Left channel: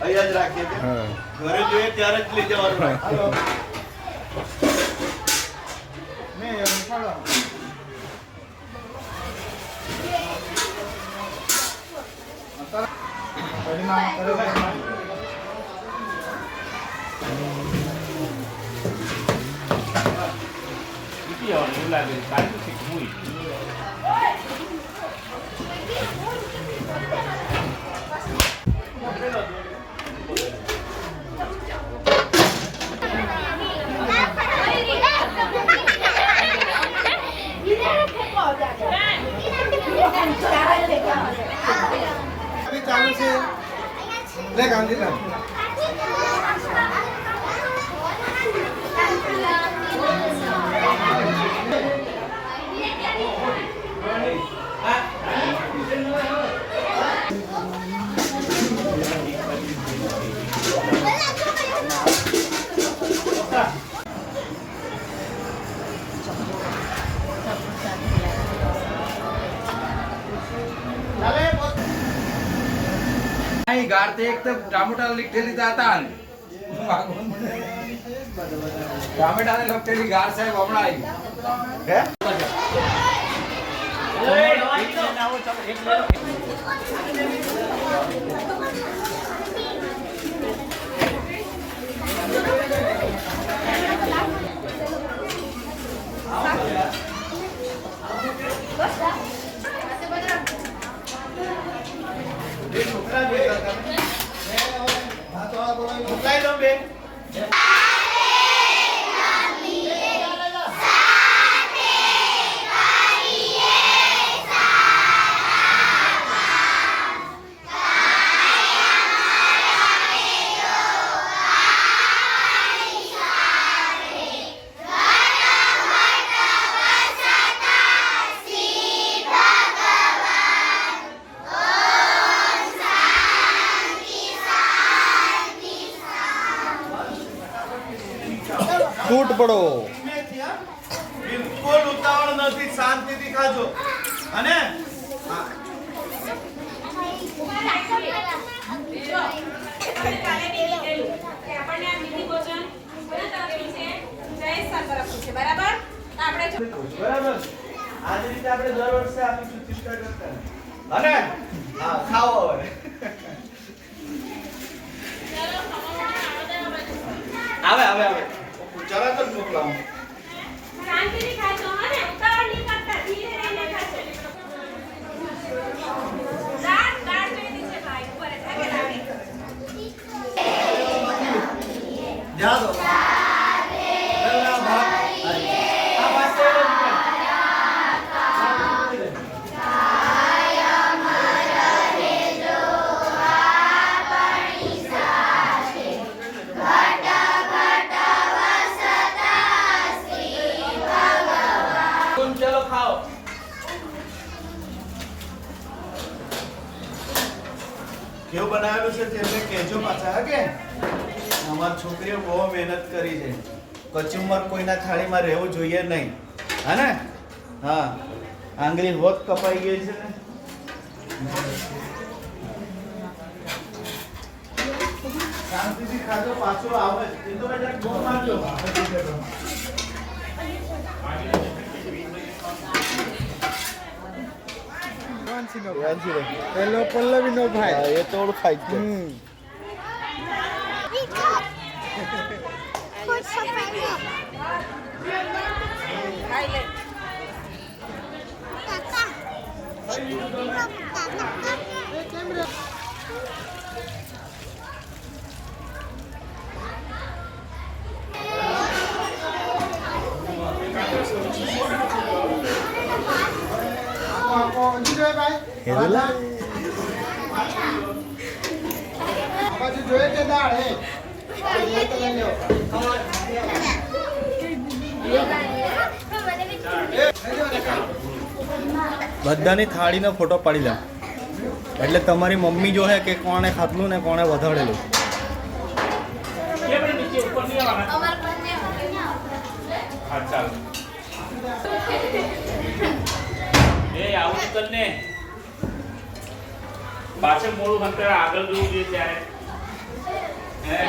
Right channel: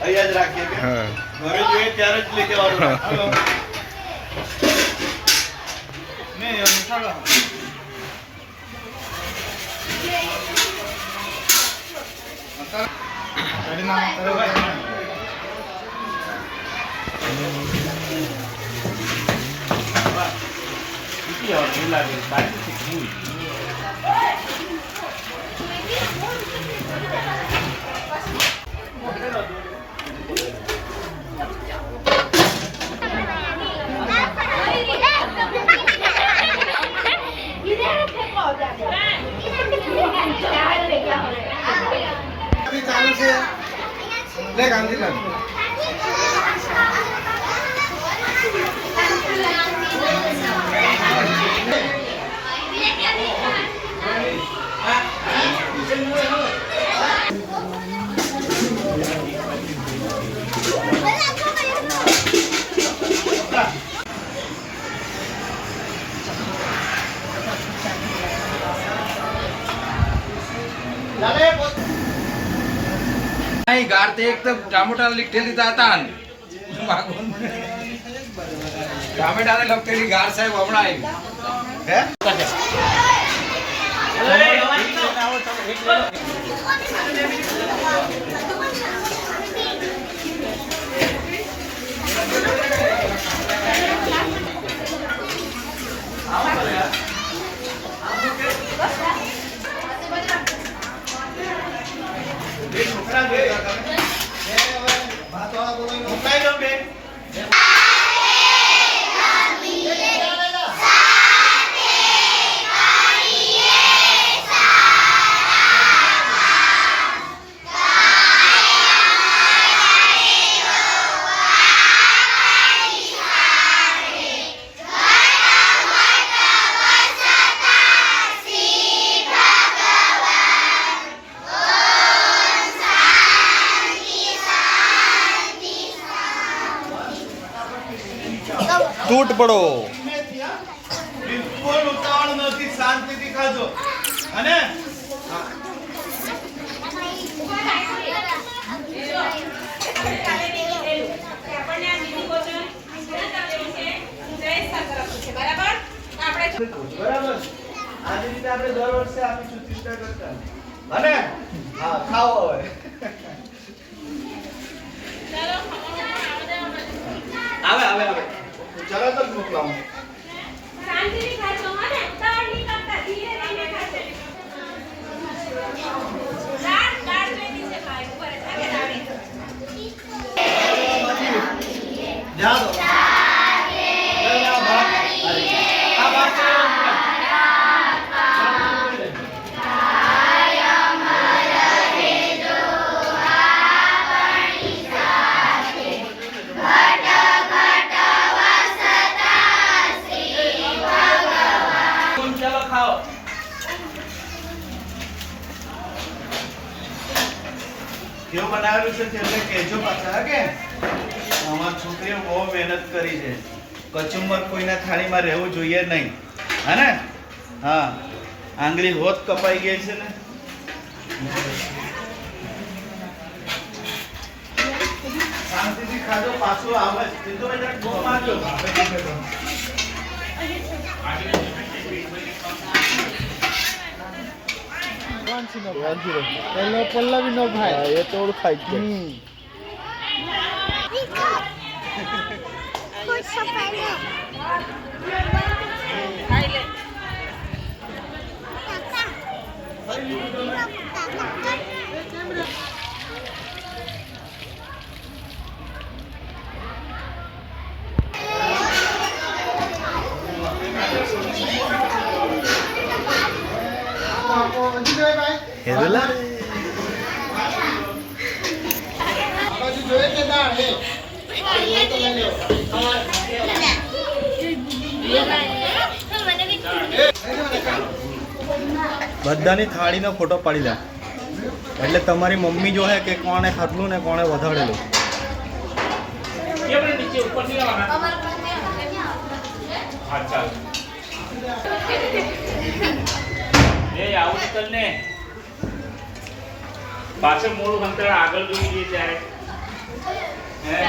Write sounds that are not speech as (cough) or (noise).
અહીંયા જ રાખીએ કે હા ઘરે જોઈએ ત્યારે જ લઈ જવાનું હાલો. નહીં, એમ ચાલો. ચાલુ છે લે ગાંધીનગર नाही गार ते एक तर टमाटाला लिखलेली जातात ટામેટાને લગતેલી ગાર સાહેબ હમણાં આવી હે ઓય 来，右边。તૂટ પડો? બિલકુલ ઉતાવળ નથી શાંતિથી ખાજો અને બરાબર આ રીતે આપણે દર વર્ષે આપીશું ચિંતા કરતા. અને હા ખાઓ હવે આવે આવે આવે તો જ મોકલાવું. શાંતિથી ખાજો હો ને? ઉતાવળ નહીં કરતા ધીરે રહીને ખાજો. દાળ દાળ જોઈતી છે ભાઈ ઉપર જ આગે દાળી. જા કેવું બનાવેલું છે તેમને કહેજો પાછા કે? અમારી છોકરીઓ બહુ મહેનત કરી છે. કચુંબર કોઈના થાળીમાં રહેવું જોઈએ નહીં. હે હા. આંગળી હોત કપાઈ ગઈ છે ને? શાંતિથી ખાજો, પાછો આવે. ચિંતો બહુ મારજો. પેલો પલ્લવી નો ભાઈ એ તો ઓળખાય જ છે હેદુલા આ બાજુ જોઈએ કે દાળ હે એ તો લઈ બધાની થાળીનો ફોટો પાડી લે. એટલે તમારી મમ્મી જો હે કે કોણે ખાધલું ને કોણે વધારેલું. (laughs) પાછળ મોડું અંતર આગળ જોઈ જઈએ ત્યારે. હે?